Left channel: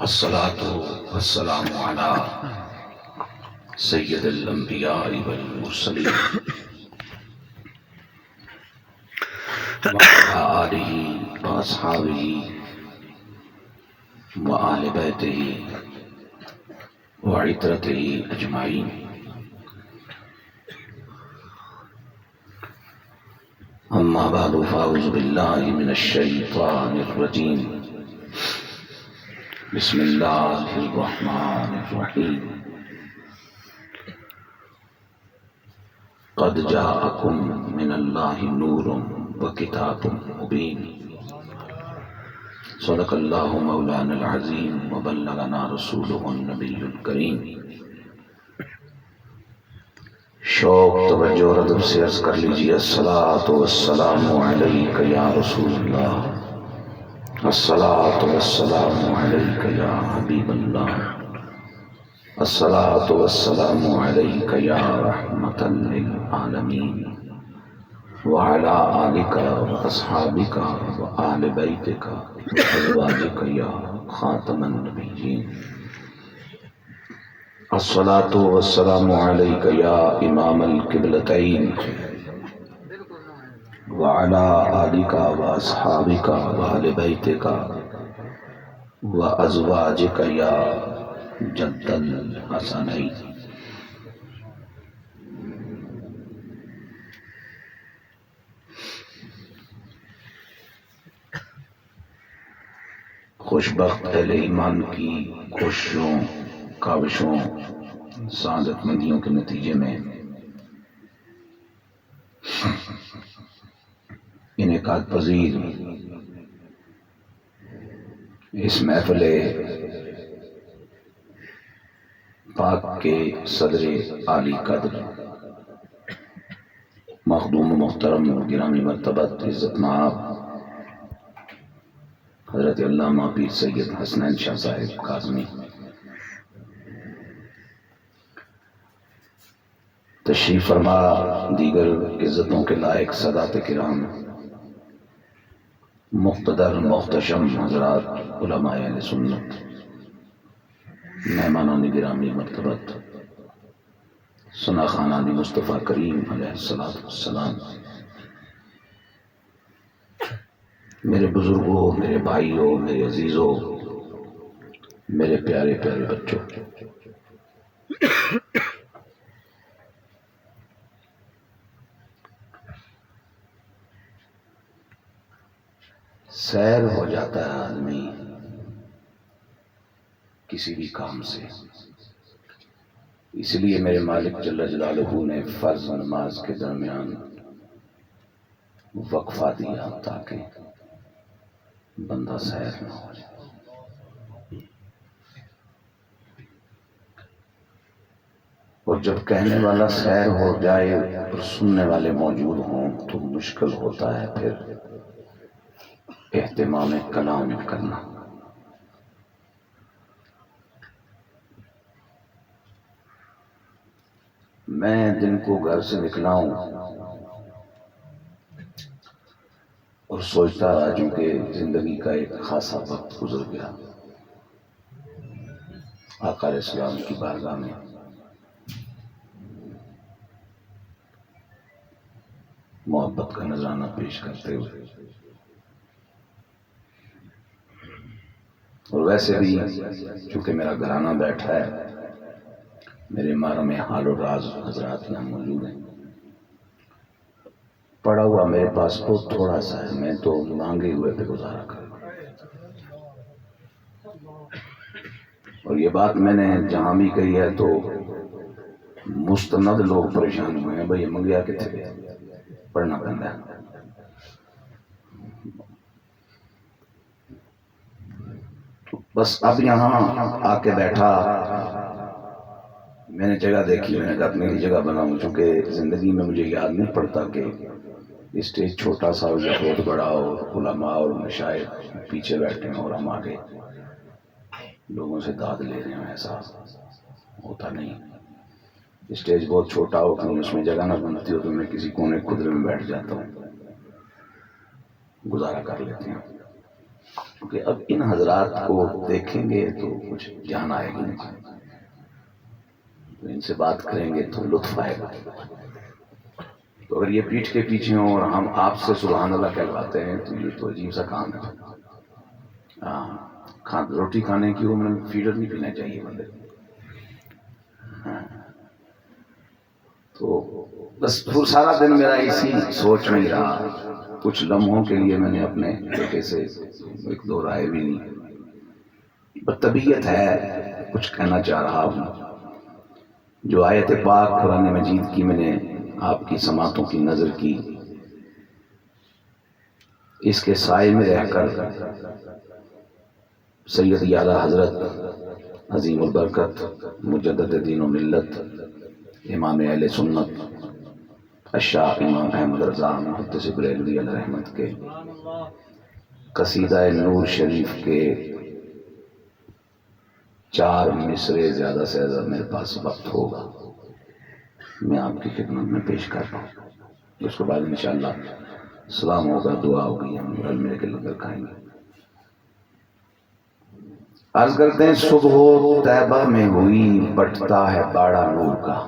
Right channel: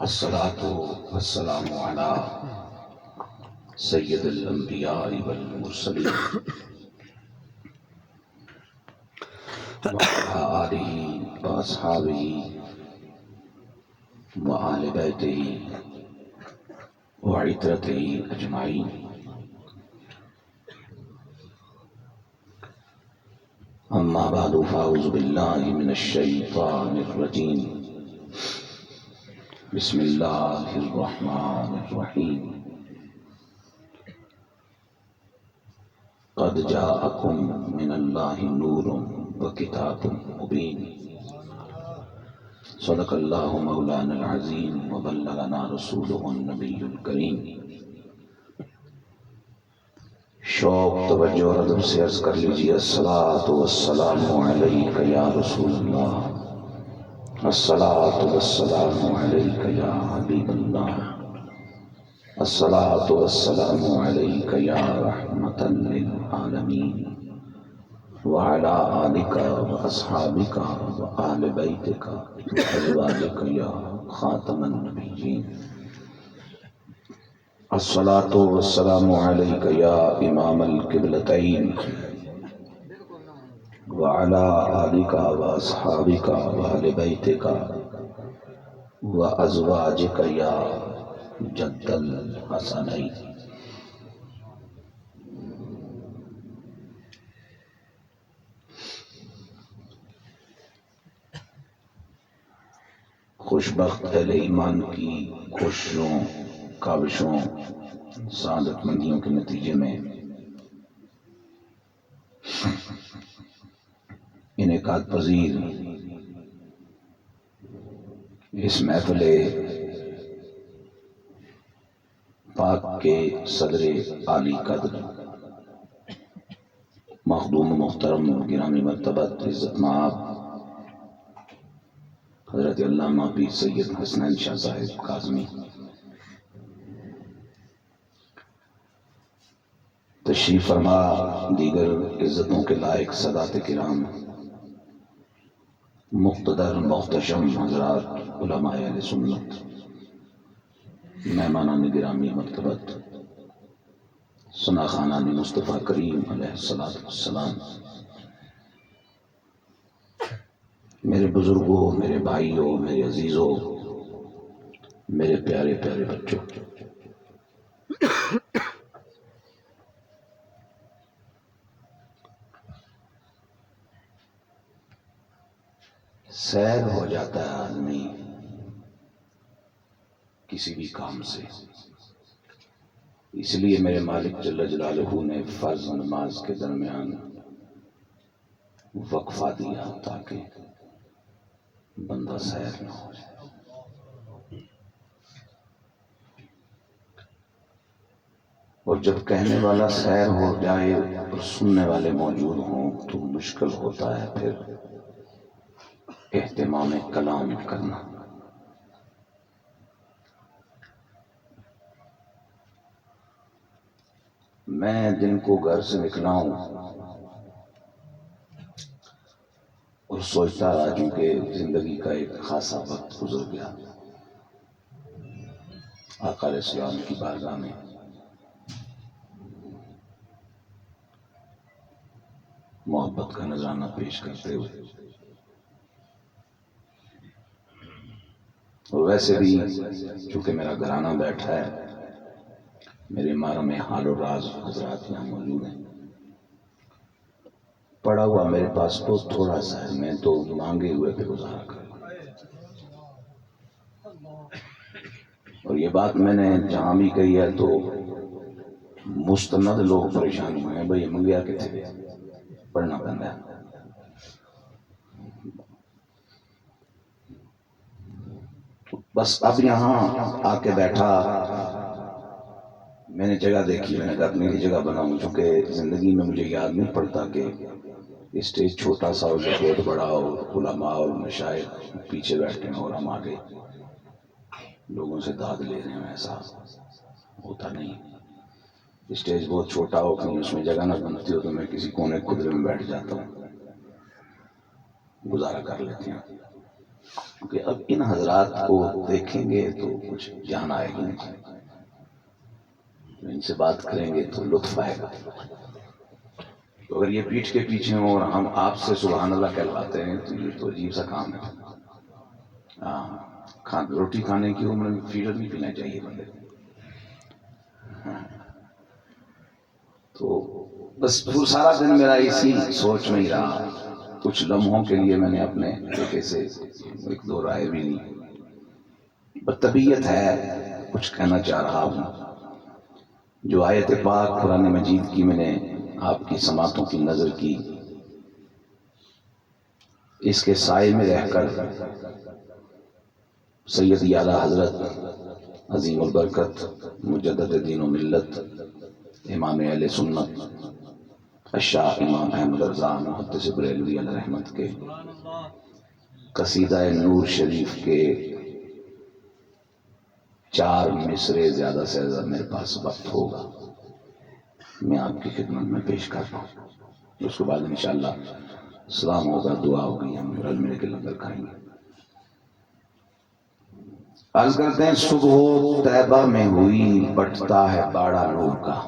الصلاة والسلام على سید الانبیاء والمرسلین وعلى آلہ واصحابہ وآل بیتہ وعترتہ اجمعین. اما بعد فاعوذ باللہ من الشیطان الرجیم. بسم اللہ الرحمن الرحیم. قد جاءکم من اللہ نور وکتاب مبین. صدق اللہ مولانا العظیم وبلغنا رسولہ النبی الکریم. شوق توجہ اور ادب سے عرض کر لیجیے الصلاۃ والسلام علیک یا رسول اللہ، الصلاۃ والسلام علیک یا حبیب اللہ، الصلاۃ والسلام علیک یا رحمۃ للعالمین وعلی آلک واصحابک وآل بیتک وازواجک یا خاتم النبیین. الصلاۃ والسلام علیک یا امام القبلتین وعلی آلک واصحابک وآل بیتک وازواجک یا جد الحسنین. خوشبخت اہل ایمان کی کوششوں، کاوشوں، سعادت مندیوں کے نتیجے میں انعقاد پذیر اس محفل پاک کے صدر عالی قدر مخدوم محترم گرامی مرتبت عزت مآب حضرت علامہ پیر سید حسنین شاہ صاحب کاظمی تشریف فرما، دیگر عزتوں کے لائق سادات کرام، مقتدر محتشم حضرات علماء اہل سنت، مہمانان گرامی مرتبت، ثنا خانان مصطفیٰ کریم علیہ السلام، میرے بزرگوں، میرے بھائیوں، میرے عزیزوں، میرے پیارے پیارے بچوں، سیر ہو جاتا ہے آدمی کسی بھی کام سے. اس لیے میرے مالک جل جلالہ نے فرض نماز کے درمیان وقفہ دیا تاکہ بندہ سیر نہ ہو جائے. اور جب کہنے والا سیر ہو جائے اور سننے والے موجود ہوں تو مشکل ہوتا ہے پھر اہتمام کلام کرنا. میں دن کو گھر سے نکلا ہوں اور سوچتا رہا چونکہ زندگی کا ایک خاصا وقت گزر گیا. آقا علیہ السلام کی بارگاہ میں محبت کا نذرانہ پیش کرتے ہوئے، اور ویسے بھی چونکہ میرا گھرانہ بیٹھا ہے، میرے محرم حال و راز حضرات یہاں موجود ہیں، پڑا ہوا میرے پاس بہت تھوڑا سا ہے، میں تو مانگے ہوئے پہ گزارا کروں. اور یہ بات میں نے جہاں بھی کہی ہے تو مستند لوگ پریشان ہوئے ہیں، بھئی منگیا کتنے گیا پڑھنا پڑتا ہے. بس اب یہاں آ کے بیٹھا، میں نے جگہ دیکھی، میں نے کہا اپنی جگہ بناؤں، چونکہ زندگی میں مجھے یاد نہیں پڑتا کہ اسٹیج چھوٹا سا ہو یا بہت بڑا ہو، علماء اور مشائخ پیچھے بیٹھے ہیں اور ہم آگے لوگوں سے داد لے رہے ہیں. ایسا ہوتا نہیں. اسٹیج بہت چھوٹا ہو، کہیں اس میں جگہ نہ بنتی ہو تو میں کسی کونے کھدرے میں بیٹھ جاتا ہوں، گزارا کر لیتے ہیں. کیونکہ اب ان حضرات کو دیکھیں گے تو کچھ جان آئے گی، تو ان سے بات کریں گے تو لطف آئے گا۔ تو اگر یہ پیٹھ کے پیچھے ہوں اور ہم آپ سے سبحان اللہ کہلواتے ہیں تو یہ تو عجیب سا کام ہے۔ روٹی کھانے کی عمر میں فیڈر نہیں پینا چاہیے بندے۔ تو بس سارا دن میرا اسی سوچ میں ہی رہا۔ کچھ لمحوں کے لیے میں نے اپنے بیٹے سے ایک دو رائے بھی نہیں، طبیعت ہے کچھ کہنا چاہ رہا ہوں۔ جو آیت پاک قرآن مجید کی میں نے آپ کی سماعتوں کی نظر کی، اس کے سائے میں رہ کر سید اعلیٰ حضرت عظیم البرکت مجدد دین و ملت امام اہل سنت الشاہ امام احمد رضا محدث بریلوی علیہ رحمت کے قصیدہ نور شریف کے 4 مصرے زیادہ سے زیادہ میرے پاس وقت ہوگا، میں آپ کی خدمت میں پیش کرتا ہوں۔ اس کے بعد انشاءاللہ سلام ہوگا، دعا ہوگی، ہم رل مل کے لنگر کھائیں گے۔ عرض کرتے ہیں صبح طیبہ میں ہوئی بٹتا ہے باڑا نور کا،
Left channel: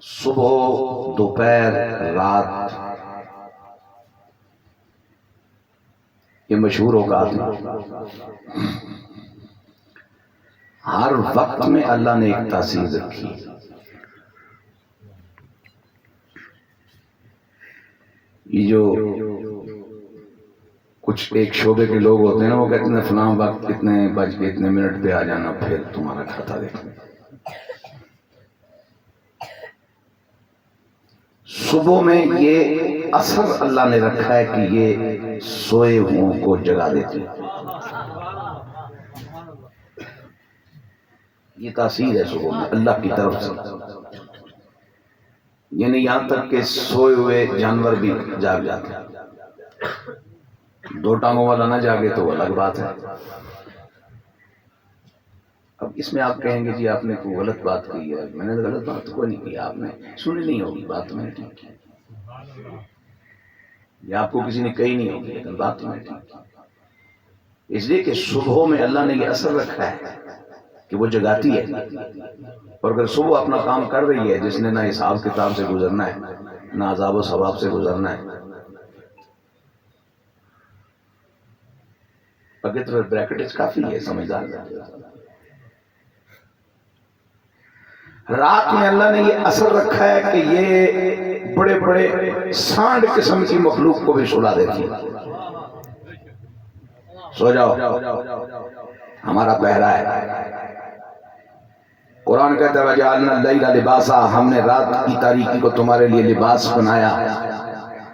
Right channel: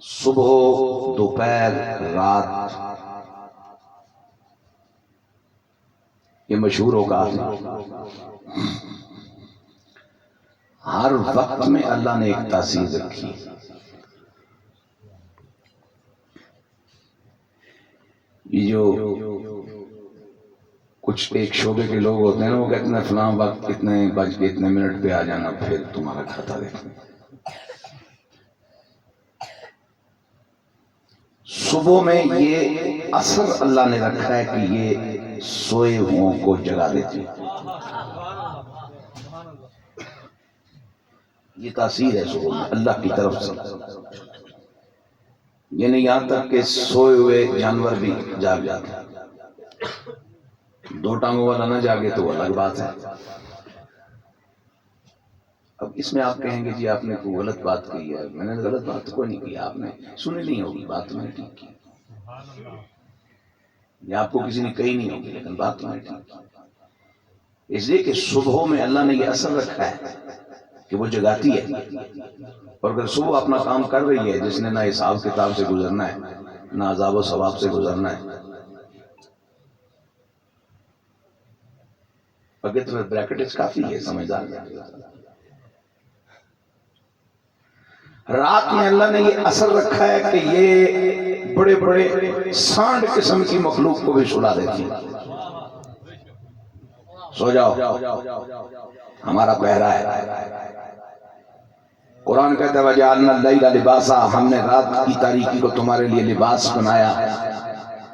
صبح دوپہر رات، یہ مشہور ہوگا ہر وقت میں اللہ نے ایک تاثیر رکھی۔ یہ جو کچھ ایک شعبے کے لوگ ہوتے ہیں نا، وہ کہتے ہیں فلاں وقت اتنے بج کے اتنے منٹ پہ آ جانا، پھر تمہارا کھاتا دیکھیں۔ صبح میں یہ اثر اللہ نے رکھا ہے کہ یہ سوئے ہوئوں کو جگا دیتی، یہ تاثیر ہے صبح میں اللہ کی طرف سے۔ یعنی یہاں تک کہ سوئے ہوئے جانور بھی جاگ جاتے ہیں۔ 2 ٹانگوں والا نہ جاگے تو وہ الگ بات ہے۔ اب اس میں آپ کہیں گے جی آپ نے کوئی غلط بات کہی ہے۔ میں نے غلط بات کوئی نہیں کی، آپ نے سنی نہیں ہوگی، بات میں نے ٹھیک کی، یا آپ کو کسی نے کہی نہیں ہوگی، لیکن بات میں نے ٹھیک کی۔ اس لیے کہ صبح میں اللہ نے یہ اثر رکھا ہے کہ وہ جگاتی ہے، اور اگر صبح اپنا کام کر رہی ہے، جس نے نہ حساب کتاب سے گزرنا ہے نہ عذاب و ثواب سے گزرنا ہے، اگر تو بریکٹس کافی ہے سمجھدار۔ رات میں اللہ نے یہ اثر رکھا ہے کہ یہ بڑے بڑے سانڈ قسم کی مخلوق کو بھی سلا دیتی ہے۔ سو جاؤ، ہمارا پہرا ہے۔ قرآن کہتا ہے وَجَعَلْنَا اللَّيْلَ لِبَاسًا، ہم نے رات کی تاریکی کو تمہارے لیے لباس بنایا،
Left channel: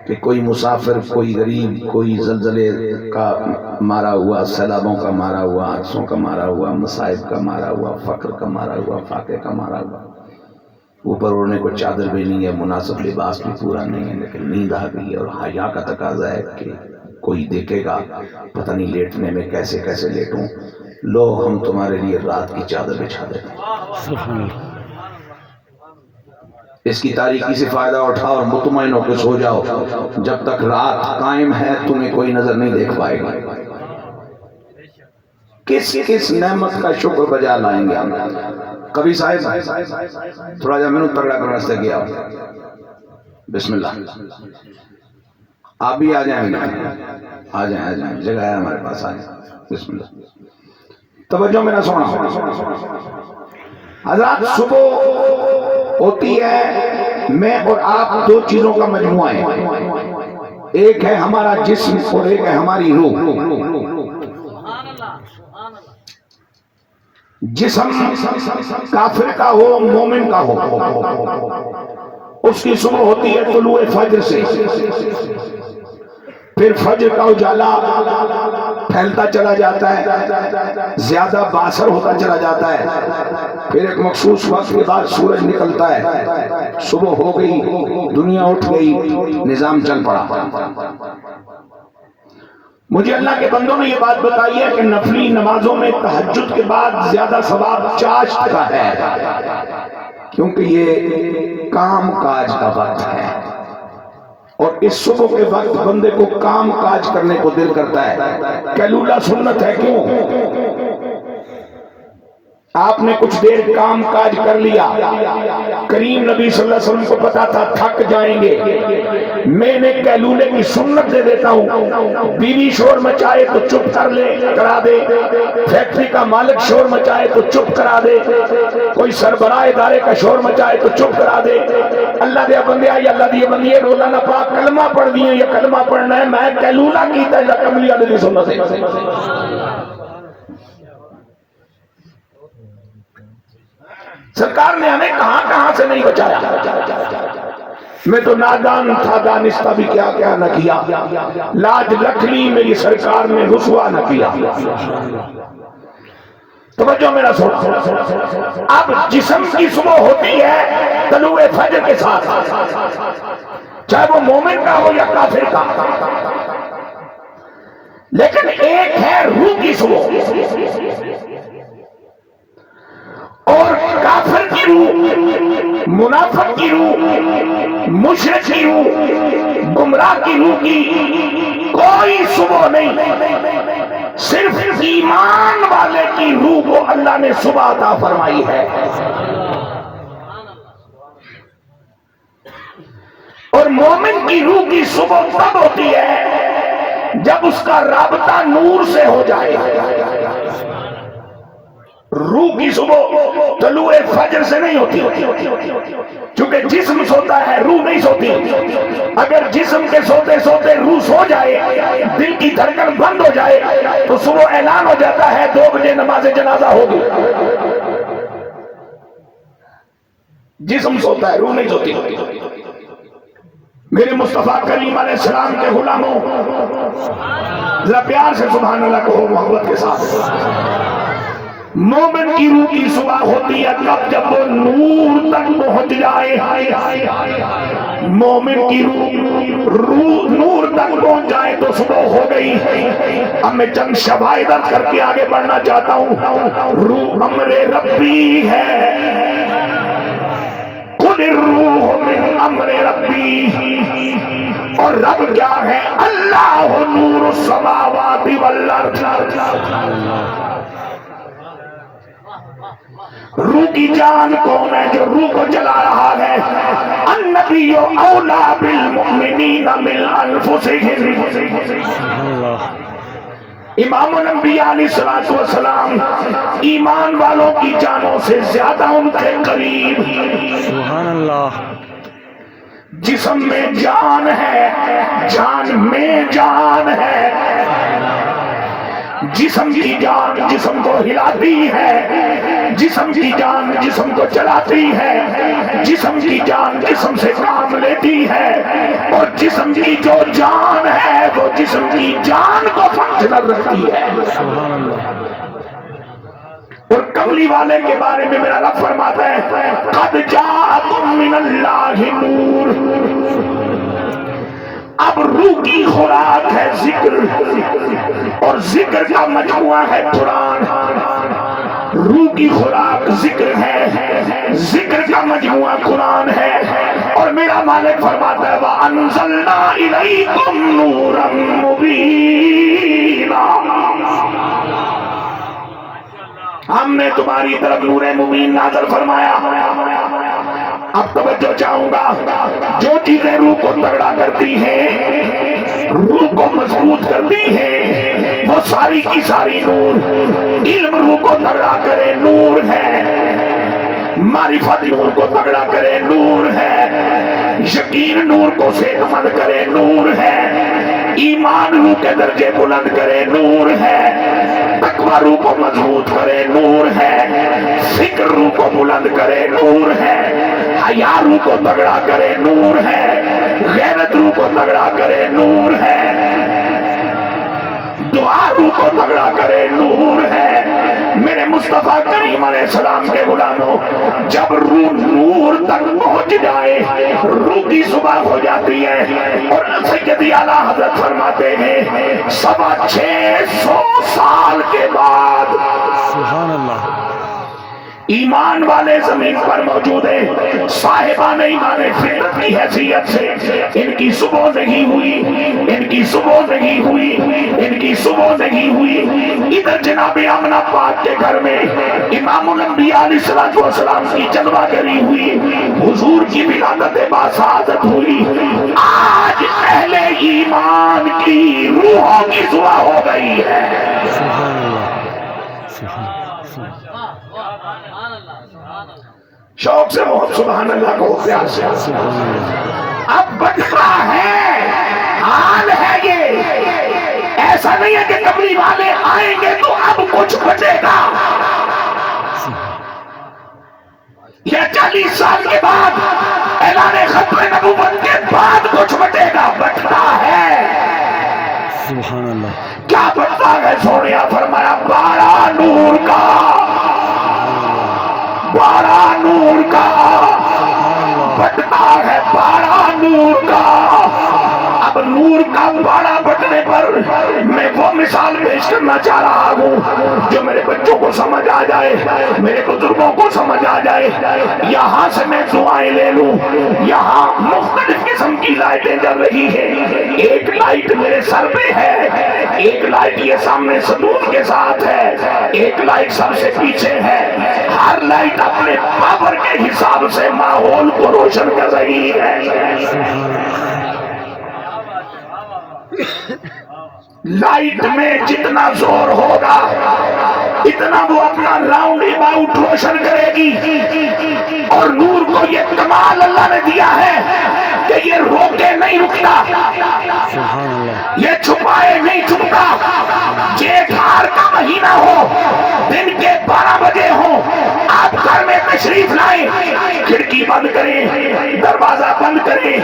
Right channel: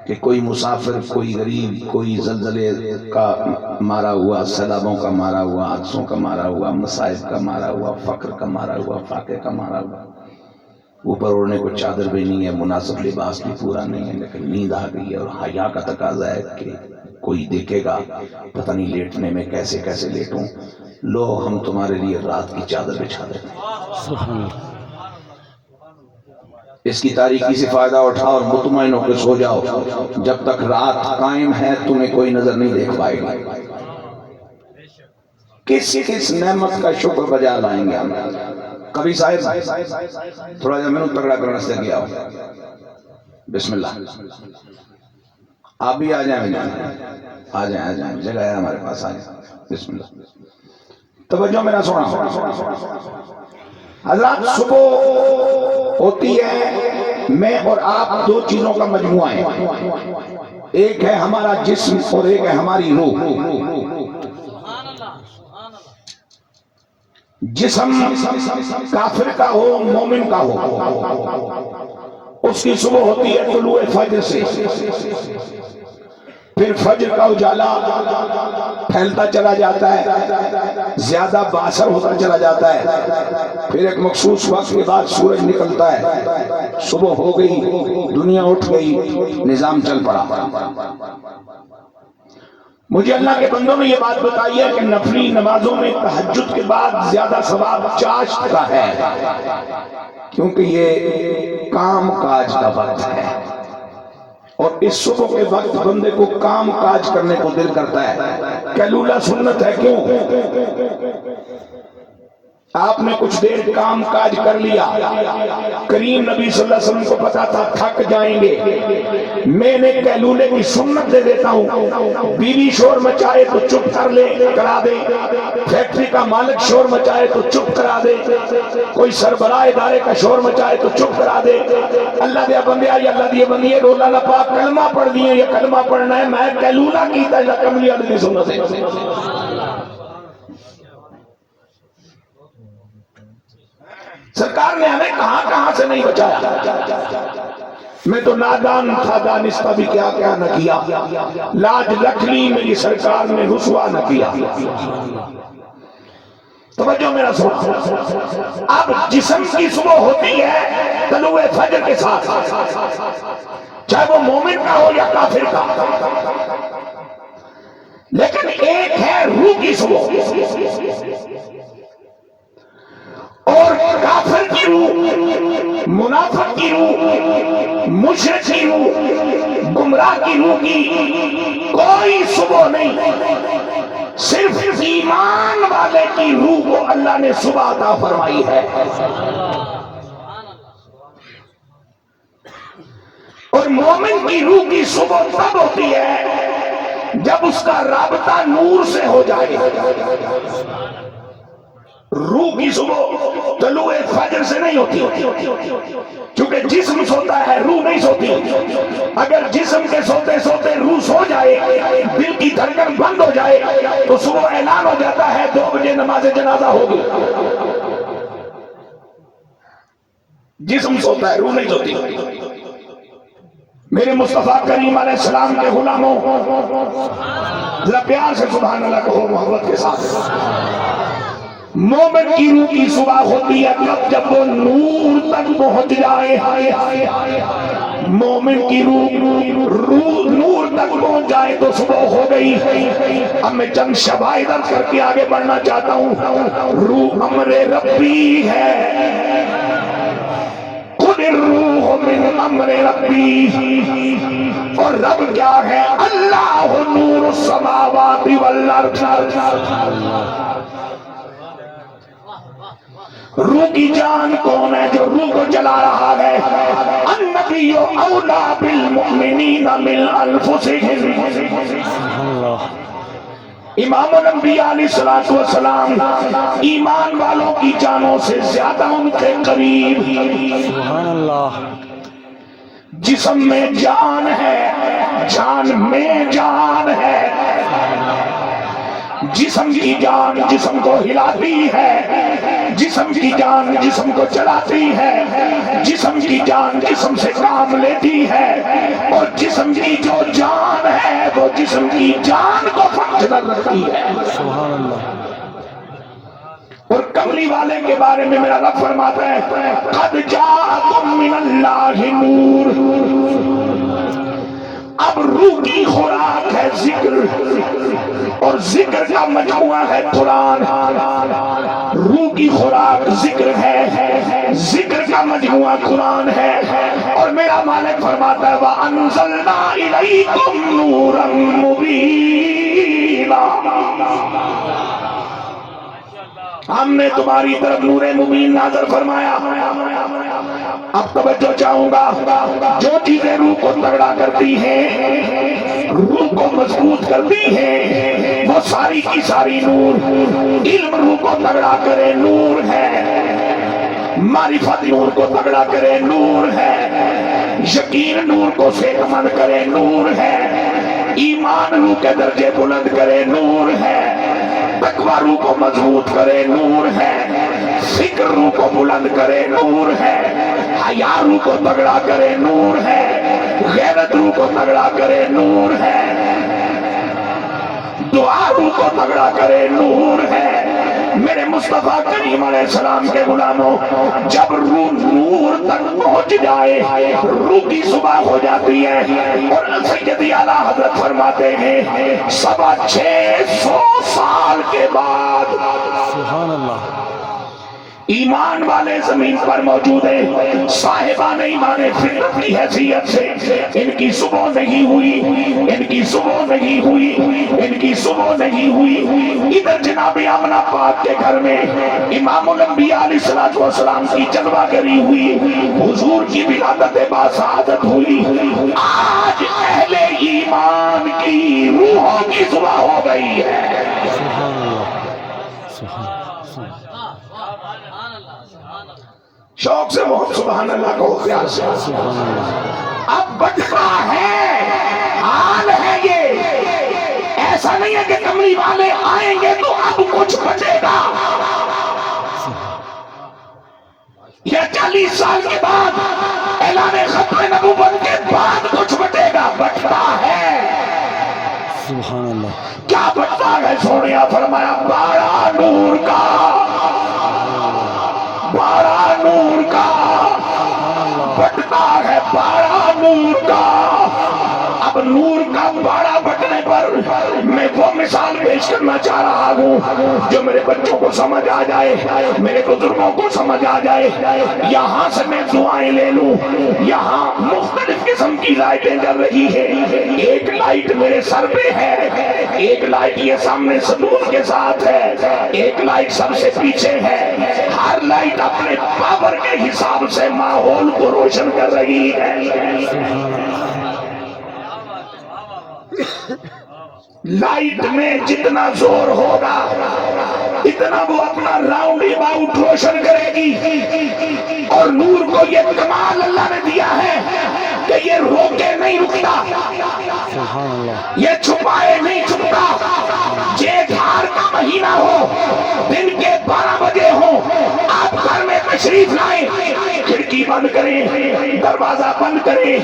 کہ کوئی مسافر، کوئی غریب، کوئی زلزلے کا مارا ہوا، سیلابوں کا مارا ہوا، حادثوں کا مارا ہوا، مصائب کا مارا ہوا، فقر کا مارا ہوا، فاقے کا مارا ہوا، اوپر اوڑھنے کو چادر بھی نہیں ہے، مناسب لباس بھی پورا نہیں ہے، لیکن نیند آ گئی ہے، اور حیا کا تقاضا ہے کہ کوئی دیکھے گا پتہ نہیں لیٹنے میں کیسے کیسے لیٹوں، لو ہم تمہارے لیے رات کی چادر بچھا دیتے ہیں۔ اس کی تاریکی سے فائدہ اٹھاؤ اور مطمئن ہو کے سو جاؤ، جب تک رات قائم ہے تمہیں کوئی نظر نہیں دیکھ پائے گا۔ کس کس نعمت کا شکر بجا لائیں گے ہم۔ کبھی صاحب تھوڑا جا میں تگڑا کرنے سے گیا، بسم اللہ، آپ بھی آ جائیں گے، آ جائیں، جگہ ہے ہمارے پاس، آ جائیں، بسم اللہ۔ توجہ میرا سنا حضرات، صبح ہوتی ہے، میں اور آپ 2 چیزوں کا مجموعہ ہے، ایک ہے ہمارا جسم اور ایک ہے ہماری روح۔ جسم کافر کا ہو مومن کا ہو، اس کی صبح ہوتی ہے طلوع فجر سے، پھر فجر کا اجالا پھیلتا چلا جاتا ہے، زیادہ باثر ہوتا چلا جاتا ہے، پھر ایک مخصوص وقت کے بعد سورج نکلتا ہے، صبح ہو گئی، دنیا اٹھ گئی، نظام چل پڑا۔ مجھے اللہ کے بندوں نے یہ بات بتائی ہے کہ نفلی نمازوں میں تہجد کے بعد زیادہ ثواب چاشت کا ہے۔ کیونکہ یہ کام کاج کا وقت ہے، اور اس صبح کے وقت بندے کو کام کاج کرنے کو دل کرتا ہے۔ قیلولہ سنت ہے، کیوں؟ آپ نے کچھ دیر کام کاج کر لیا، کریم نبی صلی اللہ علیہ وسلم کو پتا تھا تھک جائیں گے، میں نے قیلولے کی سنت دے دیتا ہوں، بیوی شور مچائے تو چپ کر لے، کرا دے، فیکٹری کا مالک شور مچائے تو چپ کرا دے، کوئی سربراہ ادارے کا شور مچائے تو چپ کرا دے۔ اللہ دیا بندے آئی، اللہ دیے بندے روزانہ پاک کلمہ پڑھ دیے، یہ کلمہ پڑھنا ہے، میں قیلولہ کی تجربہ کملی علیہ سنت ہے۔ سرکار نے ہمیں کہاں کہاں سے نہیں بچایا، میں تو نادان تھا، دانستہ بھی کیا کیا نہ کیا، لاج رکھ لی میری سرکار نے، رسوا نہ کیا۔ توجہ میرا سن، اب جسم کی صبح ہوتی ہے طلوع فجر کے ساتھ، چاہے وہ مومن کا ہو یا کافر کا، لیکن ایک ہے روح کی صبح، اور کافر کی روح، منافق کی روح، مشرک کی روح، گمراہ کی روح کی کوئی صبح نہیں، صرف ایمان والے کی روح کو اللہ نے صبح عطا فرمائی ہے۔ اور مومن کی روح کی صبح تب ہوتی ہے جب اس کا رابطہ نور سے ہو جائے۔ روح کی صبح طلوع فجر سے نہیں ہوتی، کیونکہ جسم سوتا ہے، روح نہیں سوتی۔ اگر جسم کے سوتے سوتے روح سو جائے، دل کی دھڑکن بند ہو جائے، تو صبح اعلان ہو جاتا ہے 2 بجے نماز جنازہ ہوگی۔ جسم سوتا ہے، روح نہیں سوتی۔ میرے مصطفیٰ کریم علیہ السلام کے غلاموں، ذرا پیار سے سبحان اللہ کہو، محبت کے ساتھ۔ مومن کی روح کی صبح ہوتی ہے تب جب وہ نور تک پہنچ جائے۔ مومن کی روح نور تک پہنچ جائے تو صبح ہو گئی۔ اب میں چند شواہد کر کے آگے بڑھنا چاہتا ہوں۔ روح امر ربی ہے، قل الروح من امر ربی، اور رب کیا ہے؟ اللہ نور السماوات والارض۔ روح کی جان کون ہے جو روح کو چلا رہا ہے؟ النبی اولا بالمؤمنین من انفسہم، امام الانبیاء علیہ السلام ایمان والوں کی جانوں سے زیادہ ان کے قریب۔ سبحان اللہ۔ جسم میں جان ہے، جان میں جان ہے، جسم کی جان جسم کو ہلاتی ہے، جسم کی جان جسم کو چلاتی ہے، جسم کی جان جسم سے کام لیتی ہے، اور جسم کی جو جان ہے وہ جسم کی جان کو فنکشنل رکھتی ہے۔ اور کملی والے کے بارے میں میرا رب فرماتا ہے قد جاءکم من اللہ نور۔ اب روح کی خوراک ہے ذکر، اور ذکر کا مجموعہ ہے قرآن۔ روح کی خوراک ذکر ہے، ذکر کا مجموعہ قرآن ہے، اور میرا مالک فرماتا ہے وَأَنزَلْنَا إِلَيْكُمْ نُورًا مُبِينًا، ہم نے تمہاری طرف نور مبین نازل فرمایا۔ اب توجہ چاہوں گا، جو چیزیں روح کو تگڑا کرتی ہیں، روح کو مضبوط کرتی ہیں، وہ ساری کی ساری نور۔ علم روح کو تگڑا کرے نور ہے، معرفت نور کو تگڑا کرے نور ہے، یقین نور کو صحت مند کرے نور ہے، ایمان روح کے درجے بلند کرے نور ہے، تقوی روح کو مضبوط کرے نور ہے، فکر روح کو بلند کرے نور ہے، حیا روح کو تگڑا کرے نور ہے، غیرت روح کو تگڑا کرے نور ہے، دعا روح کو تگڑا کرے نور ہے۔ میرے مصطفیٰ کریم علیہ السلام کے غلاموں، جب روح نور تک پہنچ جائے روح کی صبح ہو جاتی ہے، اور سیدی اعلیٰ حضرت فرماتے ہیں 650 سال کے بعد، سبحان اللہ، ایمان والے زمین پر موجود ہیں، صاحبان ایمان فطرت کی حیثیت سے ان کی صبح نہیں ہوئی، ان کی صبح نہیں ہوئی، ان کی صبح نہیں ہوئی۔ ادھر جناب آمنہ پاک کے گھر میں امام الانبیاء علیہ السلام کی جلوہ گری ہوئی، حضور کی ولادت باسعادت ہوئی۔ آج اہل ایمان کی روحوں کی صبح ہو گئی ہے۔ شوق سے بہت سبحان اللہ کو پیار سے اب بٹتا ہے، حال ہے یہ، ایسا نہیں ہے کہ تمری والے آئیں گے تو اب کچھ بچے گا، یا 40 سال کے بعد اعلان ختم نبوت کے بعد کچھ بٹے گا، بٹتا ہے۔ سبحان اللہ، کیا بٹتا ہے؟ سونیا فرمایا بارہ نور کا، بارہ نور کا بٹتا ہے، بارہ نور کا۔ اب نور کا بارہ بٹنے پر میں وہ مثال پیش کرنا چاہ رہا ہوں جو میرے بچوں کو سمجھ آ جائے، میرے بزرگوں کو سمجھ آ جائے۔ یہاں سے میں دعائیں لے لوں، یہاں مختلف قسم کی لائٹیں جل رہی ہیں، ایک لائٹ میرے سر پہ ہے، ایک لائٹ یہ سامنے ستون کے ساتھ ہے، ایک لائٹ سب سے پیچھے ہے۔ ہر لائٹ اپنے پاور کے حساب سے ماحول کو روشن کر رہی ہے۔ لائٹ میں جتنا زور ہوگا اتنا وہ اپنا راؤنڈ اباؤٹ روشن کرے گی، اور نور کو یہ کمال اللہ نے دیا ہے کہ یہ روکے نہیں رکتا، یہ چھپائے نہیں چھپتا۔ جیٹھ ہار کا مہینہ ہو، دن کے 12 بجے ہو، آپ گھر میں تشریف لائیں، کھڑکی بند کریں، دروازہ بند کریں،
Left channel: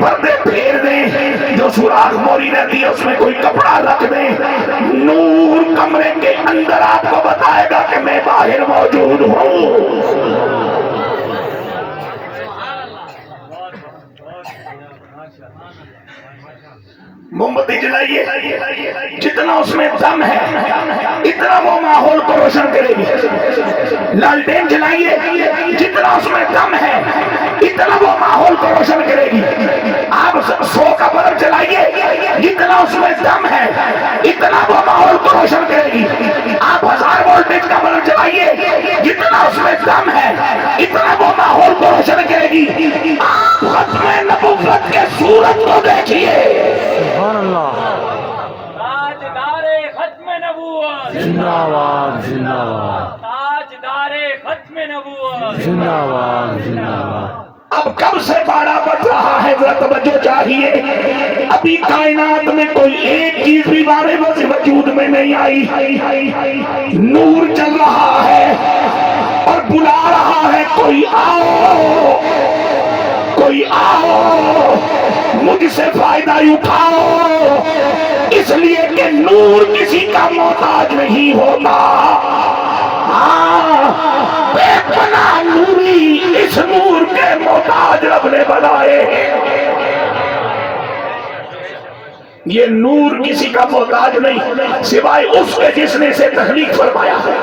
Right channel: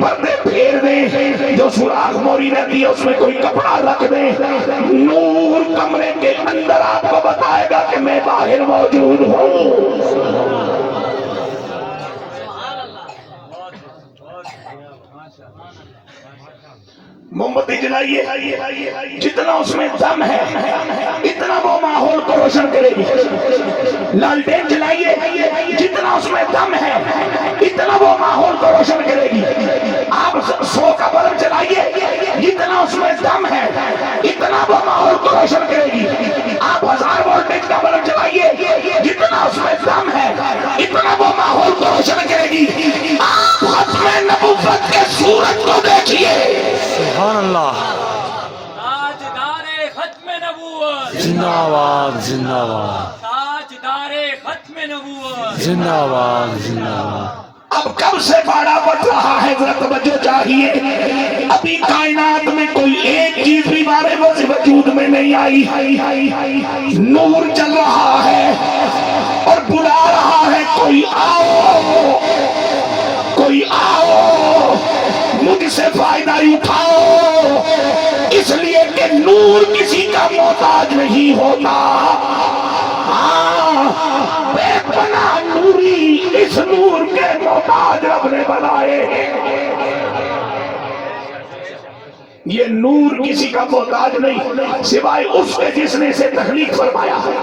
پردے پھیر دیں، جو سوراخ موری رہتی ہے اس میں کوئی کپڑا رکھ دیں، نور کمرے کے اندر آپ کو بتائے گا کہ میں باہر موجود ہوں۔ موم بتی جلائیے، جتنا اس میں دم ہے اتنا وہ ماحول کو روشن کرے گی۔ لالٹین جلائیے، جتنا اس میں دم ہے اتنا وہ ماحول کو روشن کرے گی۔ آپ 100 کا بلب جلائیے، جتنا اس میں دم ہے اتنا وہ ماحول کو روشن کرے گی۔ آپ 1000 وولٹیج کا بلب جلائیے، جتنا اس میں دم ہے اتنا وہ ماحول کو روشن کرے گی۔ آپ ختم نبوت کے سورج کو دیکھیے، سبحان اللہ، تاجدار ختم نبوت زندہ باد، زندہ باد، تاجدار ختم نبوت زندہ باد، زندہ باد۔ اب کب سے باڑا بڑھ رہا ہے، ذرا توجہ چاہیے۔ ابھی کائنات میں کوئی ایک چیز بھی بارے وجود میں نہیں آئی، نور چل رہا ہے اور بلا رہا ہے، کوئی آؤ، کوئی آؤ، مجھ سے فائدہ اٹھاؤ، اس لیے کہ نور کسی کا محتاج نہیں ہوتا۔ بے پناہ نوری اس نور کے محتاج رب نے بنائے۔ یہ نور کسی کا محتاج نہیں سوائے اس کے جس نے اسے تخلیق فرمایا ہے۔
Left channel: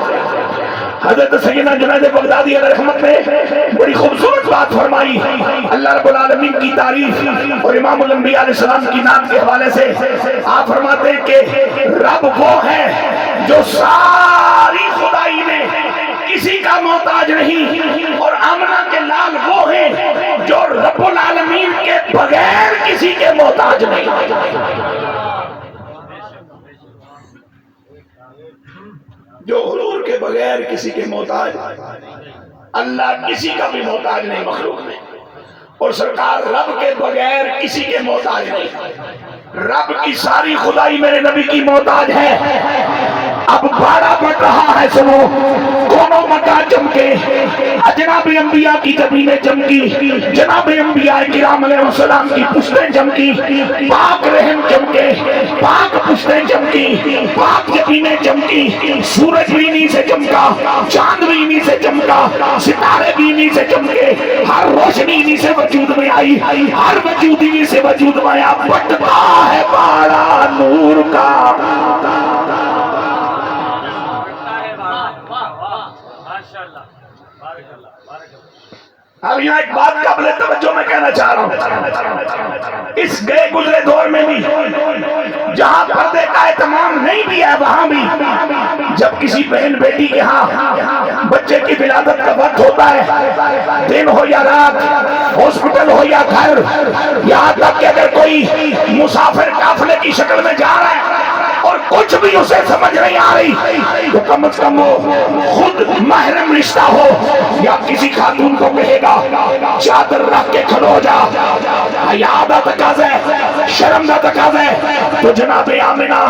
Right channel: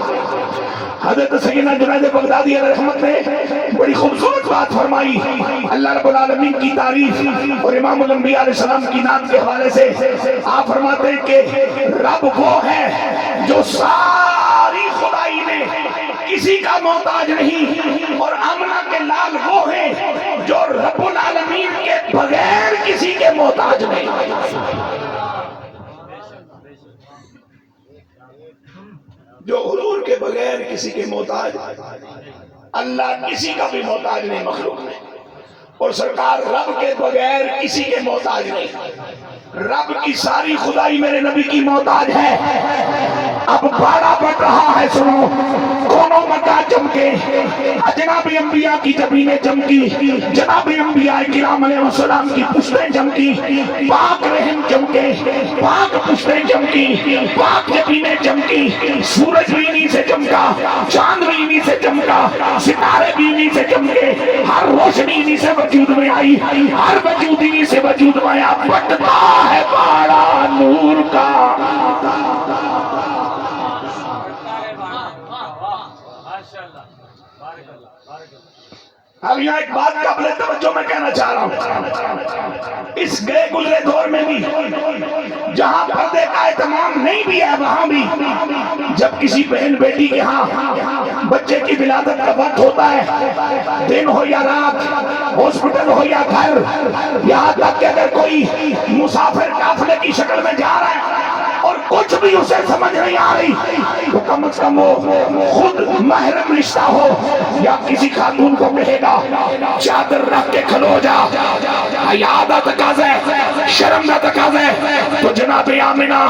حضرت سیدنا جنید بغدادی علیہ رحمت نے بڑی خوبصورت بات فرمائی، اللہ رب العالمین کی تعریف اور امام الانبیاء علیہ السلام کی نام کے حوالے سے آپ فرماتے ہیں کہ رب وہ ہے جو ساری خدائی میں کسی کا محتاج نہیں، اور آمنہ کے لال وہ ہیں جو رب العالمین کے بغیر کسی کے محتاج نہیں۔ جو حضور کے بغیر کسی کے محتاج، اللہ کسی کا بھی محتاج نہیں مخلوق میں، اور سرکار رب کے بغیر کسی کے محتاج نہیں۔ رب کی ساری خدائی میرے نبی کی محتاج ہے۔ اب باڑا بڑھ رہا ہے، سنو، کونوں مکان چمکے، جناب انبیاء کی زمینیں چمکی، جناب انبیاء کرام علیہ السلام کی پشتیں چمکی، پاک رحم چمکے، پاک پشتیں چمکی، پاک زمینیں چمکی، سورج بھی انہی سے چمکا، چاند بھی انہی سے چمکا، ستارے بھی انہی سے چمکے، ہر روشنی انہی سے وجود میں آئی، ہر وجود انہی سے وجود میں آیا۔ بٹتا ہے باڑا نور کا، اب یہاں ایک بات قابل توجہ میں کہنا چاہ رہا ہوں، اس گئے گزرے دور میں بھی جہاں پردے کا اہتمام نہیں بھی ہے، وہاں بھی جب کسی بہن بیٹی کے ہاں بچے کی ولادت کا وقت ہوتا ہے، دن ہو یا رات، ہاسپٹل ہو یا گھر، یہاں تک کہ اگر کوئی مسافر قافلے کی شکل میں جا رہا ہے اور کچھ بھی اسے سمجھ نہیں آ رہی تو کم از کم وہ خود محرم رشتہ ہو یا کسی خاتون کو کہے گا چادر رکھ کے کھڑو جا، حیا دا تقاضا ہے، شرم دا تقاضا ہے۔ تو جناب آمنہ،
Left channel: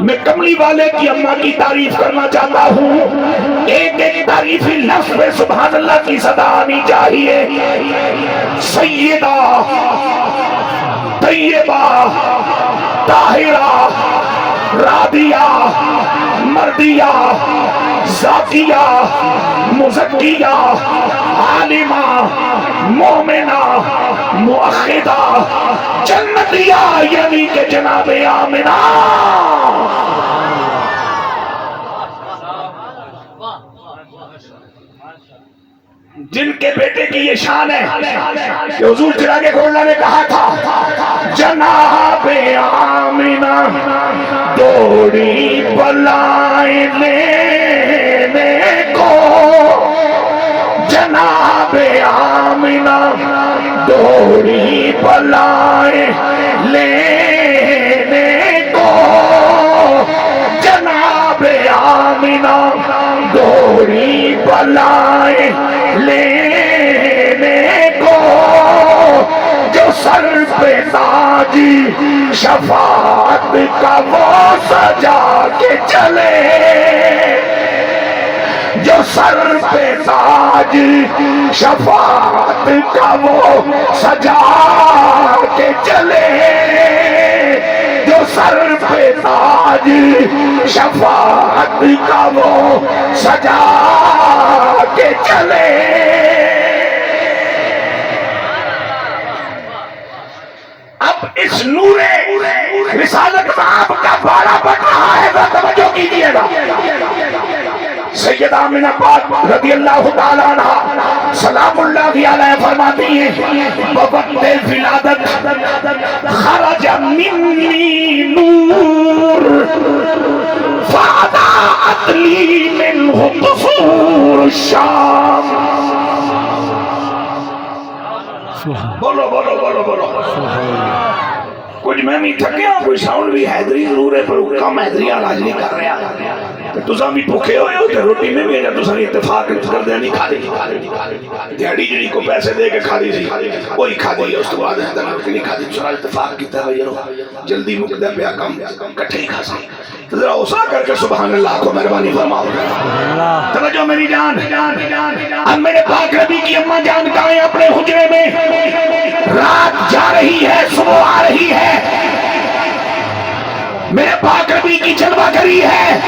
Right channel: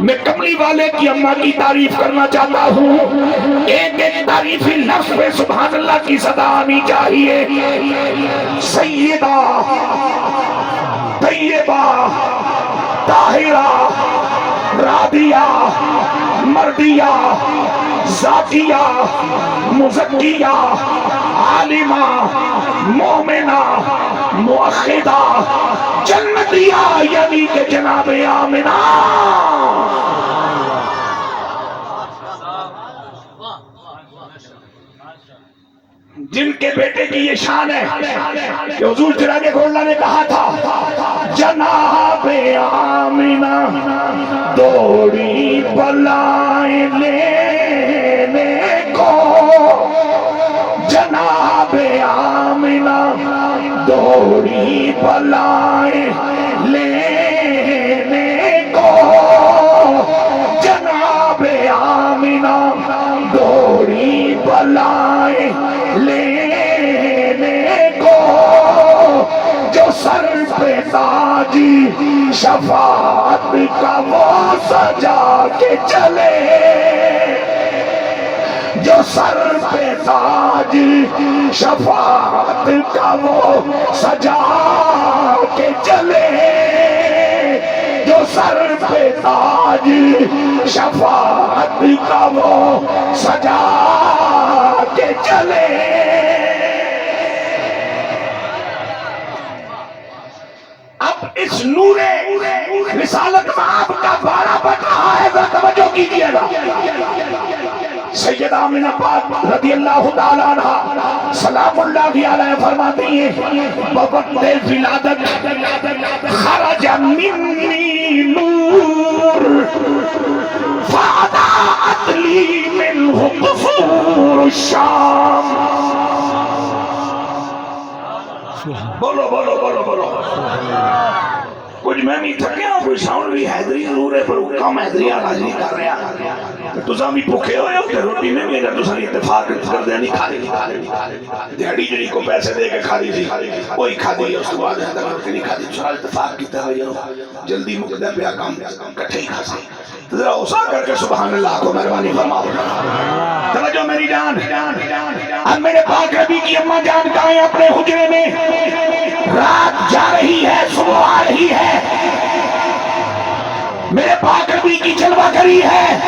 میں کملی والے کی اماں کی تعریف کرنا چاہتا ہوں، ایک ایک تعریفی لفظ پہ سبحان اللہ کی صدا آنی چاہیے۔ سیدہ طیبہ طاہرہ راضیہ مردیہ ذاتیہ مزکیہ عالمہ مومنہ موحدہ جنتیہ، یعنی کہ جناب آمنہ جن کے بیٹے کی یہ شان ہے کہ حضور چراغ کھولنا نے کہا تھا جناب آمنہ دوڑی بلائیں لینے کو، جناب آمنہ دوڑی بلائیں لینے کو، جناب آمنہ دوڑی بلائیں لینے کو، جو سر پہ تاج شفاعت کا وہ سجا کے چلے، جو سر پہ تاج شفاعت کا وہ سجا کے چلے، جو سر پہ تاج شفاعت کا وہ سجا کے چلے۔ اب اس نور رسالت میں آپ کا بارہ بڑھ رہا ہے، توجہ کیجئے گا۔ سیدہ آمنہ پاک رضی اللہ تعالیٰ عنہ سلام اللہ علیہ فرماتی ہیں بوقت ولادت خرج منی نور فاضاءت لی منہ قصور الشام۔ بولو بولو بولو بولو، کچھ میں نہیں تھکیا، کوئی ساؤنڈ بھی حیدری ضرور ہے پر کم حیدری آج نہیں کر رہے ہیں، تو ساں بھی بھوکے ہوئے ہوتے روٹی میں بھی اگر تو ساں اتفاق کر دیں نہیں کھا دی، دیڑی جڑی کو پیسے دے کے کھا دی سی وہی کھا دی، اس تو بعد ہے تک نہیں کھا دی، ساں اتفاق کی طرح یہ جلدی مقدر پہ کم کٹھے ہی کھا سی، تو ذرا اسا کر کے سبحان اللہ کو مہربانی فرماؤ۔ توجہ میری جان، اب میرے پاک نبی کی اماں جان کہاں اپنے حجرے میں، رات جا رہی ہے صبح آ رہی ہے، میرے پاک نبی کی جلوہ گری ہے۔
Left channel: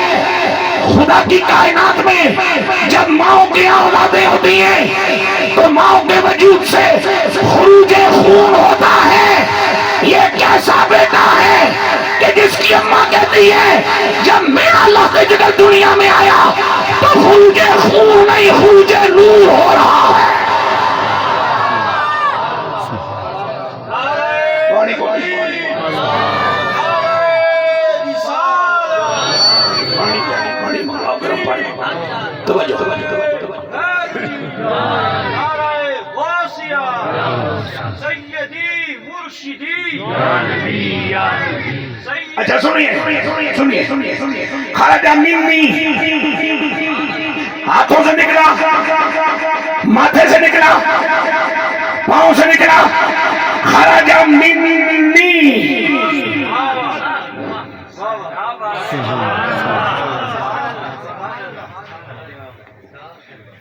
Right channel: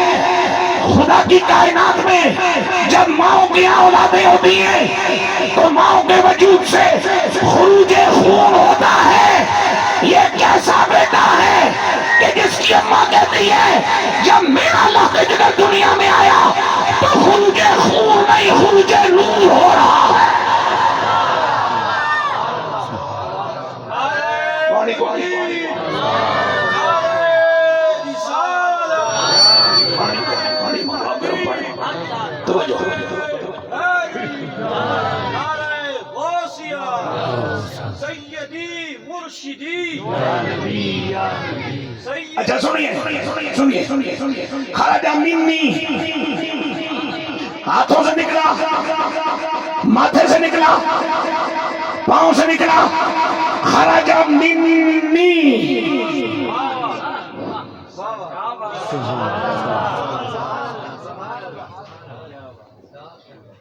خدا کی کائنات میں جب ماؤں کی اولادیں ہوتی ہیں تو ماؤں کے وجود سے خروج خون ہوتا ہے۔ یہ کیسا بیٹا ہے کہ جس کی اماں کہتی ہے جب میرا لاقِ جگر دنیا میں آیا تو خروج خون نہیں خروج نور ہو رہا ہے۔ اچھا سنیے، خرج منی ہاتھوں سے نکلا، ماتھے سے نکلا، پاؤں سے نکلا، خرج منی۔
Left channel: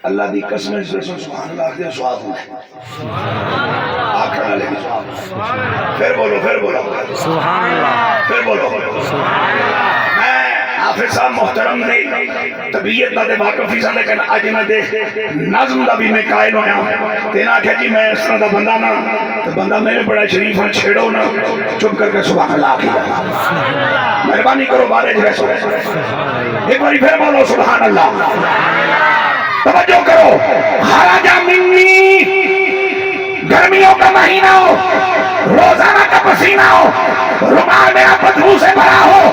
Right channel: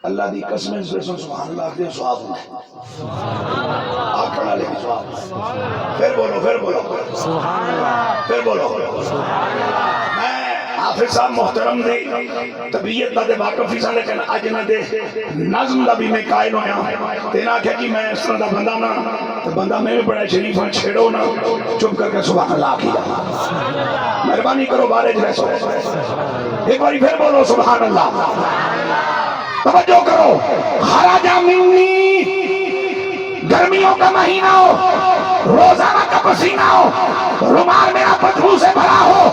اللہ دی قسم سے سبحان اللہ کے سواب ہوں آکھڑا لے کے سواب، پھر بولو سبحان اللہ، پھر بولو سبحان اللہ۔ میں حافظ صاحب محترم نے طبیعت نہ دے واقفی سا لیکن اج نہ دے نظم دا بھی میں قائل ہویا، تینا کہ جی میں اس طرح دا بندہ نہ، تو بندہ میں بڑا شریف ہوں، چھیڑو نہ، چپ کر کے سبحان اللہ کیا، مہربانی کرو بارے جو ہے، ایک باری پھر بولو سبحان اللہ۔ توجہ کرو، خرجا منی، گرمیوں کا مہینہ ہو، روزانہ کا پسینہ ہو، رومال میرا بدبو سے بھرا ہو،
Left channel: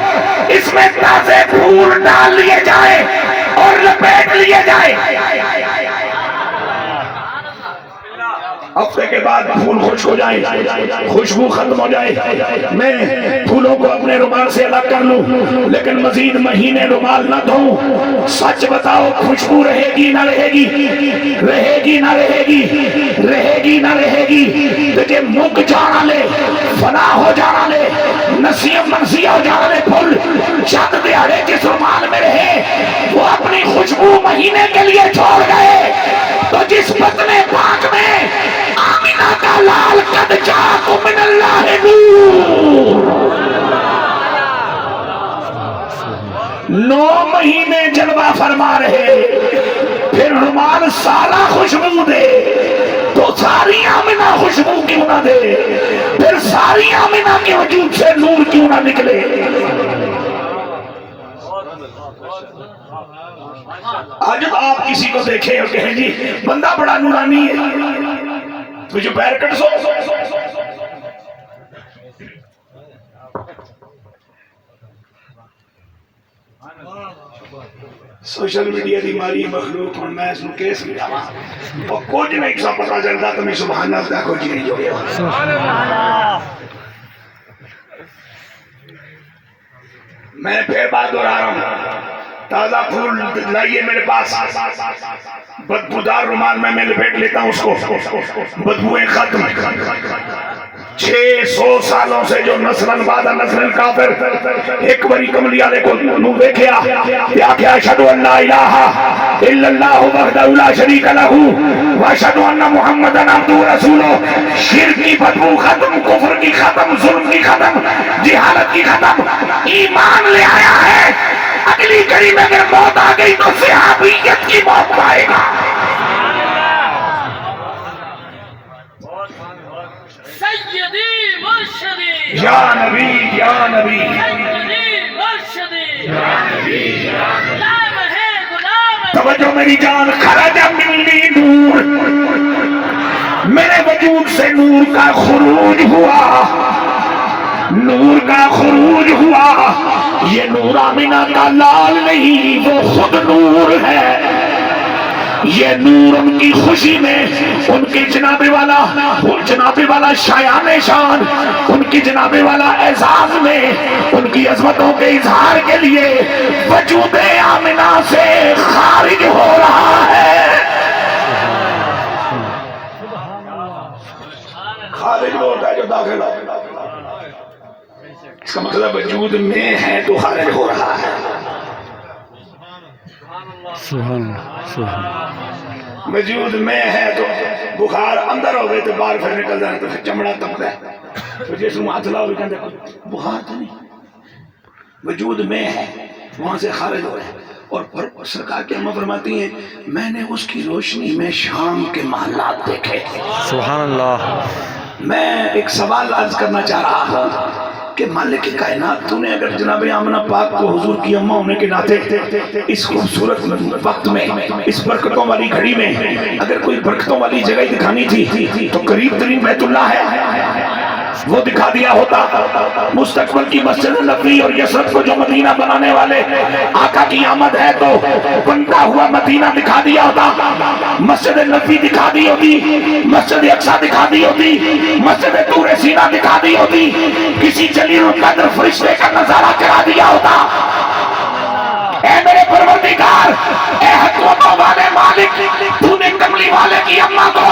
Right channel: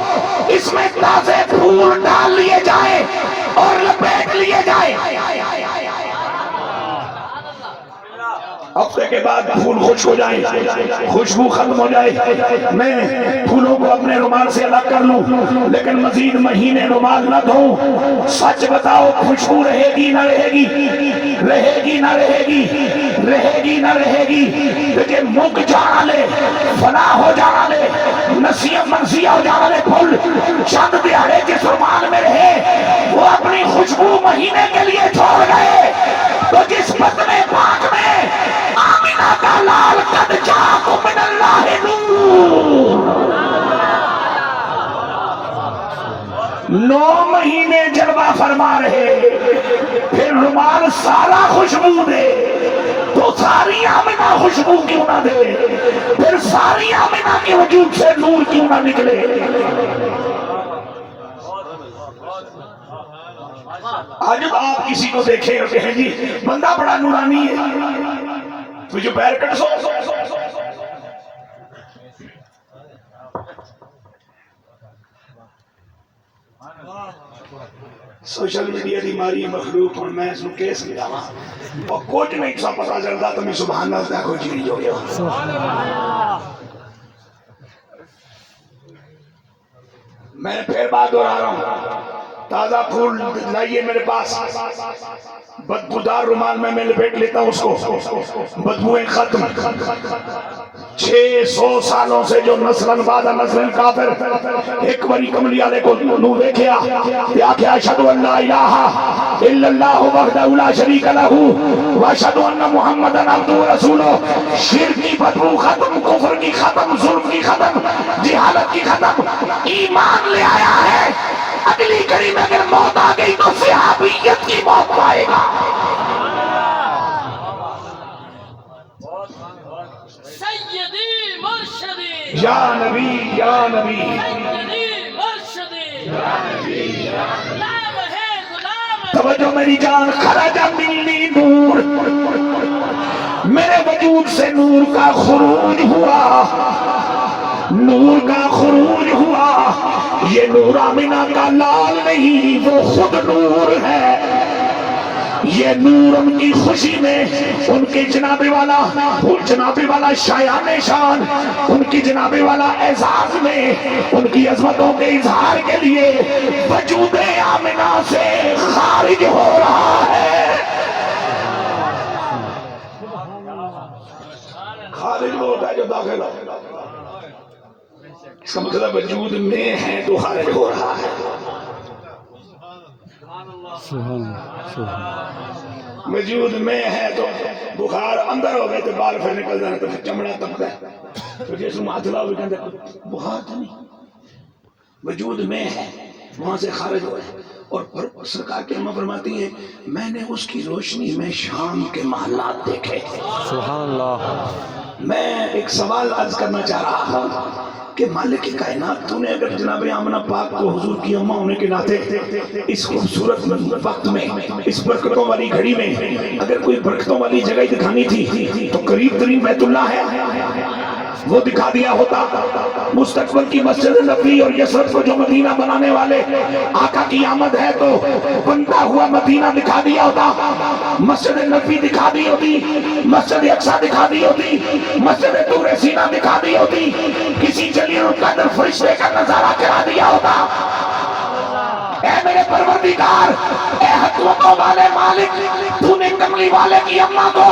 اس میں تازے پھول ڈال لیے جائے اور لپیٹ لیے جائے، ہفتے کے بعد پھول خشک ہو جائے، خوشبو ختم ہو جائے، میں پھولوں کو اپنے رومال سے الگ کر لوں لیکن مزید مہینے رومال نہ دھوں، سچ بتاؤ خوشبو رہے گی نہ رہے گی؟ رہے گی نہ رہے گی؟ رہے گی نہ رہے گی؟ تجھے مک جانا لے، فنا ہو جانا لے، نسیم منسیہ ہو جانا لے، پھول چند دیہڑے جس رومال میں رہے وہ اپنی خوشبو مہینے کے لیے چھوڑ گئے، تو جس بطن پاک میں آمینہ کا لال قد جاکم من اللہ نور، 9 مہینے جلوہ فرما رہے، پھر رومال سارا خوشبو دے تو ساری آمینہ خوشبو کیوں نہ دے؟ پھر ساری آمینہ کے وجود سے نور کیوں نہ نکلے؟ آج آپ کسی کو دیکھیں اور کہیں جی بندہ بڑا نورانی ہے، تو جو پیر کٹ سو، سوشل میڈیا دی ماری مخلوق اور میں اس میں کیس لیا اور کچھ نہیں سا پتا چلتا تو میں سبحان اللہ کو جی نہیں جو گیا۔ میں پھر بات دورا رہا ہوں، تازہ پھول لائیے میرے پاس، بدبودار رومال میں لپیٹ لیتا ہوں اس کو، بدبوئیں ختم۔ 600 سالوں سے جو نسلن بعد نسلن کافر ایک بری کملی والے کو نور دیکھیا یا کہ اشہد ان لا الہ الا اللہ وحدہ لا شریک لہ واشہد ان محمدًا عبدہ ورسولہ، شرک کی بدبو ختم، کفر کی ختم، ظلم کی ختم، جہالت کی ختم، ایمان لے آیا ہے، اگلی گھڑی میں اگر موت آ گئی تو صحابیت کی موت پائے گا۔ یا نبی یا نبی توجہ میری جان، خرج منی نور، میرے وجود سے نور کا خروج ہوا، نور کا خروج ہوا، یہ نور آمینہ کا لال نہیں، وہ خود نور ہے، یہ نور ان کی خوشی میں، ان کی جناب والا شایان شان، ان کی جناب والا اعزاز میں، ان کی عظمتوں کے اظہار کے لیے وجود آمنہ سے خارج ہو رہا ہے، خارج ہوتا ہے جو داخل ہوتا ہے، اس کا مطلب وجود میں ہے تو خارج ہو رہا ہے۔ وجود میں ہے تو بخار اندر ہو گئے تو باہر پھر نکل جانا، تو پھر چمڑا تپتا ہے، تو جسم ہاتھ لاؤ بھی کہتے بخار تو نہیں، وجود میں ہے وہاں سے خارج ہو ہے۔ اور سرکار کی اماں فرماتی ہیں میں نے اس کی روشنی میں شام کے محلات دیکھے۔ سبحان اللہ۔ میں ایک سوال عرض کرنا چاہ رہا ہوں کہ مالک کائنات، تو نے اگر جناب آمنہ پاک کو حضور کی اماں ہونے کے ناطے اس خوبصورت وقت میں، اس برکتوں والی گھڑی میں اگر کوئی برکتوں والی جگہ دکھانی تھی تو قریب ترین بیت اللہ ہے، وہ دکھا دیا ہوتا۔ مستقبل کی مسجد نبوی اور یثرب کو جو مدینہ بنانے والے آقا کی آمد ہے تو بنتا ہوا مدینہ دکھا دیا ہوتا، مسجد نبوی دکھا دی ہوتی، مسجد اقصی دکھا دی ہوتی، مسجد طور سینہ دکھا دی ہوتی، کسی جلیل القدر فرشتے کا نظارہ کرا دیا ہوتا۔ اے میرے پروردگار، اے حکمتوں والے مالک، تو نے کملی والے کی اماں کو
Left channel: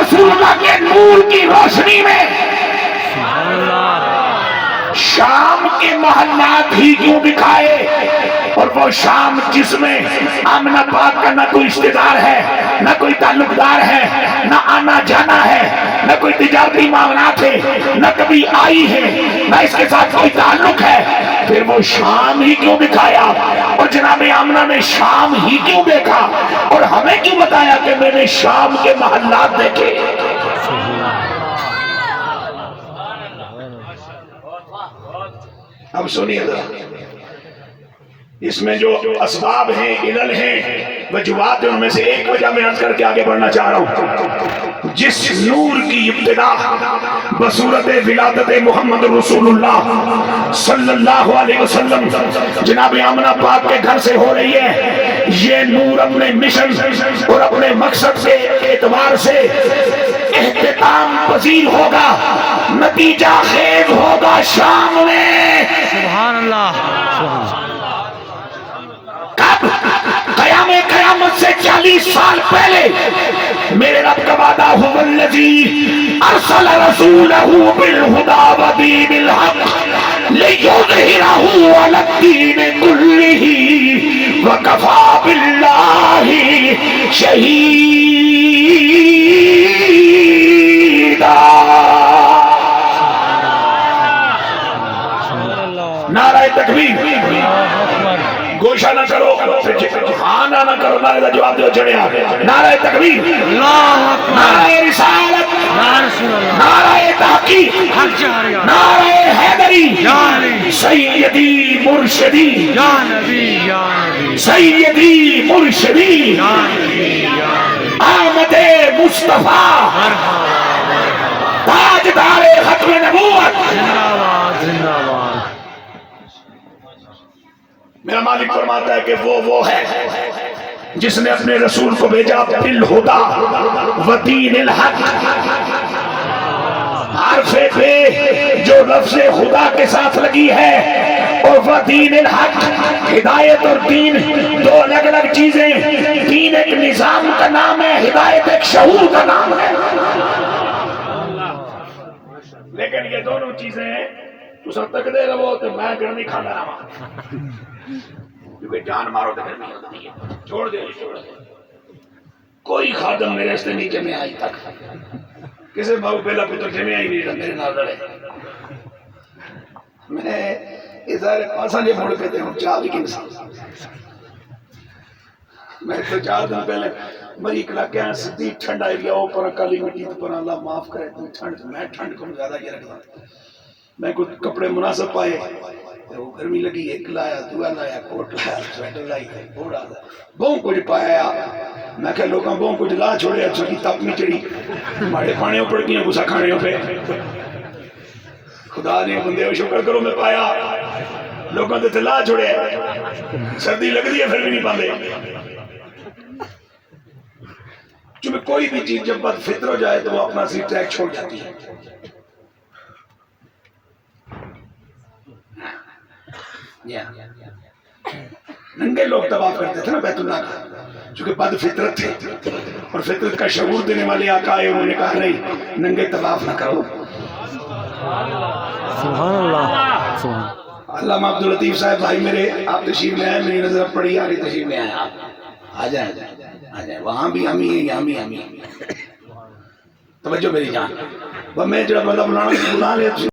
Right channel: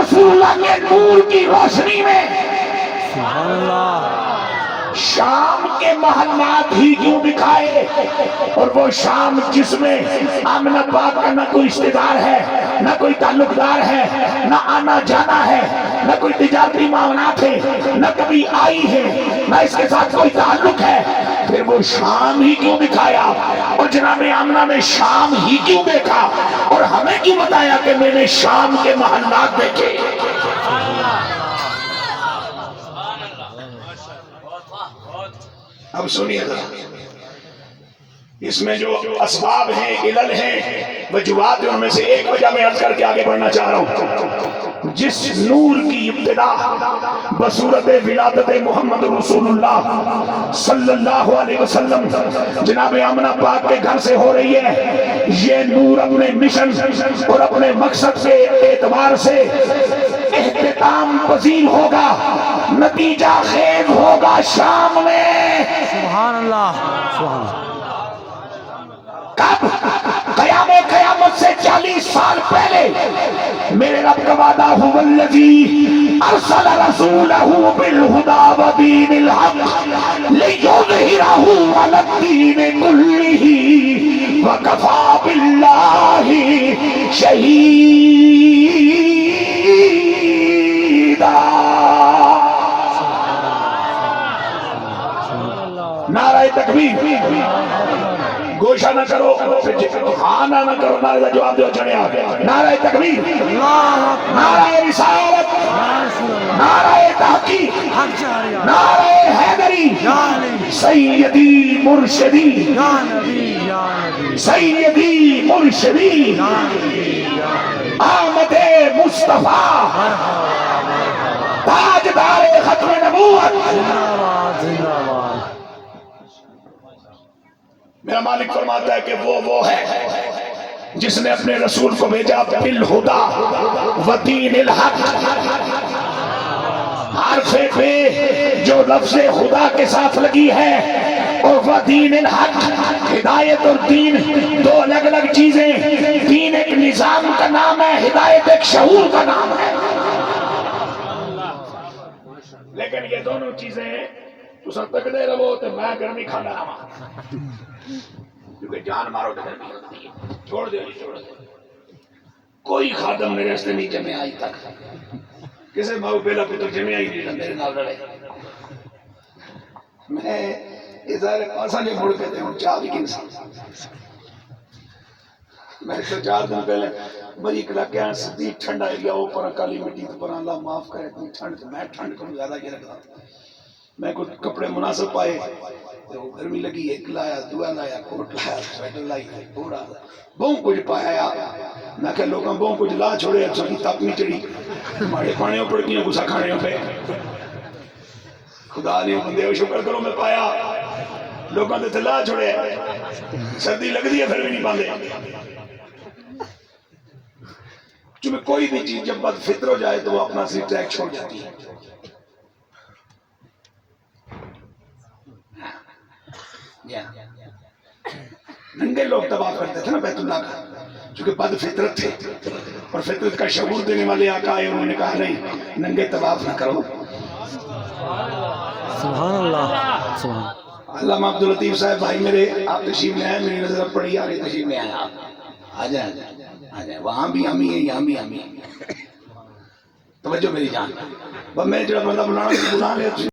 رسول اللہ کے نور کی روشنی میں شام کے محلات ہی کیوں دکھائے؟ اور وہ شام جس میں آمنہ پاک کا نہ کوئی رشتہ دار ہے، نہ کوئی تعلق دار ہے، نہ آنا جانا ہے، نہ کوئی تجارتی معاملات ہے، نہ کبھی آئی ہے، نہ اس کے ساتھ کوئی تعلق ہے، پھر وہ شام ہی کیوں دکھایا؟ اور جناب آمنہ نے شام ہی کیوں دیکھا؟ اور ہمیں کیوں بتایا کہ میں نے شام کے محلات دیکھے؟ اب سنیے ذرا، اس میں جو اسباب ہیں، علل ہیں، وجوہات ہیں، ان میں سے ایک وجہ میں عرض کر کے آگے بڑھنا چاہ رہا ہوں۔ جس نور کی ابتدا بصورت ولادت محمد رسول اللہ صلی اللہ علیہ وسلم جناب آمنہ پاک کے گھر سے ہو رہی ہے، یہ نور اپنے مشن اور اپنے مقصد کے اعتبار سے اختتام پذیر ہوگا، نتیجہ خیز ہوگا شام میں۔ سبحان اللہ، سبحان اللہ۔ کب؟ قیامت سے 40 سال پہلے میرے رب کا وعدہ هو الذی ارسل رسولہ بالہدی ودین الحق لیظہرہ علی الدین کلہ وکفی باللہ شہیدا۔ نعرہ تکبیر، گوشہ نہ کرو، ہاں نہ کرو، نعرہ جواب دو چڑھیا، نعرہ تکبیر، نعرہ رسالت، نعرہ تحقیق، نعرہ حیدری، سیدی مرشدی، سیدی مرشدی احمد مصطفیٰ تاجدار ختم نبوت۔ میرا مالک فرماتا ہے کہ وہ ہے جس نے اپنے رسول کو بھیجا بالہدی ودین الحق، حرف پہ جو لفظ خدا کے ساتھ لگی ہے، اور ودین الحق، ہدایت اور دین دو الگ الگ چیزیں، دین ایک نظام کا نام ہے، ہدایت ایک شعور کا نام ہے، لیکن یہ دونوں چیزیں تو سب تک دے رہو تو میں گرمی کھانا رہا، کیونکہ جان مارو تو گرمی آتی ہے، چھوڑ دے۔ کوئی خادم میرے سے نہیں جمع آئی تک، کسی ماں پہلا پتر جمع آئی نہیں میرے نال لڑے، میں ازارے پاسا جے مڑ پہتے ہوں چاہ لیکن میں تو 4 دن پہلے مری اکلا کہاں سدھی ٹھنڈا ایریا ہو پر کالی مٹی تو پر اللہ معاف کرے تو ٹھنڈ، میں ٹھنڈ کو زیادہ یہ رکھتا میں کچھ کپڑے مناسب پائے، وہ گرمی لگی، ایک لایا، دعا لایا، کوٹ لایا، سویٹر لائی، بوڑا بہن کچھ پایا، میں کہ لوگاں بہن کچھ لا چھوڑے، اچھا کی تپ نہیں چڑی، ماڑے پانے ہو پڑ گیا گسا کھانے ہو پہ، خدا نے بندے ہو شکر کرو میں پایا، لوگاں تے لا چھوڑے، سردی لگ دی ہے پھر بھی نہیں پاندے، چونکہ کوئی بھی چیز جب بد فطر ہو جائے تو وہ اپنا سی ٹریک چھوڑ جاتی ہے۔ ننگے لوگ تباہ کرتے تھے نا بیت اللہ کا، چونکہ بد فطرت تھے، اور فطرت کا شعور دینے والے آقا آئے، انہوں نے کہا نہیں ننگے طواف نہ کرو۔ سبحان اللہ، سبحان علامہ عبداللطیف صاحب بھائی میرے، آپ تشریف میں آئے، میری نظر پڑی آگے تشریف میں آئے، آپ آ جائیں، وہاں بھی ہم ہی ہیں، یہاں بھی ہم ہی ہیں، توجہ میری جان، میں جڑا بندہ بنانا لے